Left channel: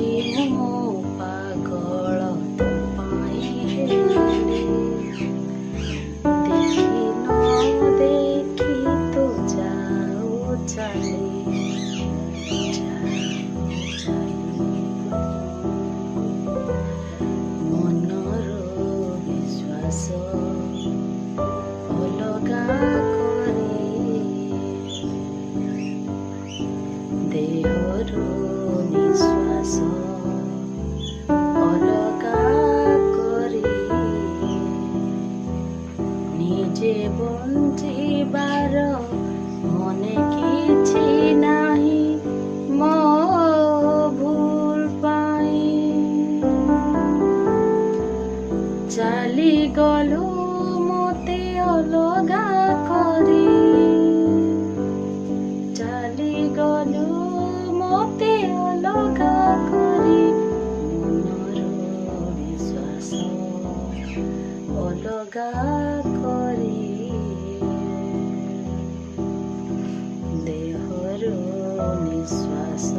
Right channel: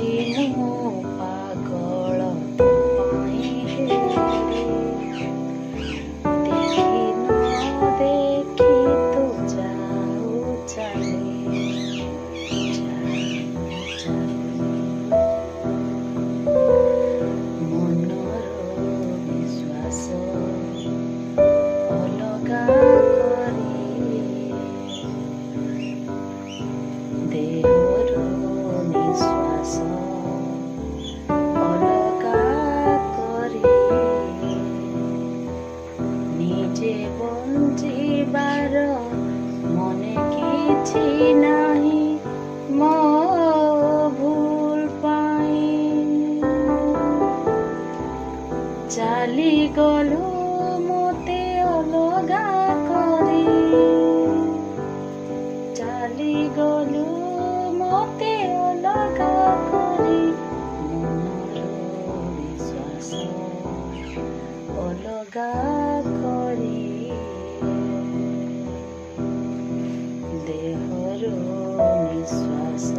ଆଜି ମୁଁ ପାଗଳ ତୋ ପାଇଁ ହେଲି। ଦେଖି ନ ଦେଖି ତୁ ଯାଉ ଚାଲି, ମନର ବିଶ୍ୱାସ ଅଲଗା କରି, ଦେହର ନିଶ୍ୱାସ ଅଲଗା କରି, ନିଜେ ବଞ୍ଚିବାର ମନେ କିଛି ନାହିଁ ମୋ ଭୁଲ ପାଇଁ। ଚାଲିଗଲୁ ମୋତେ ଅଲଗା କରି, ଚାଲିଗଲୁ ମୋତେ ଅଲଗା କରି, ମନର ବିଶ୍ୱାସ ଅଲଗା କରି, ଦେହର ନିଶ୍ୱାସ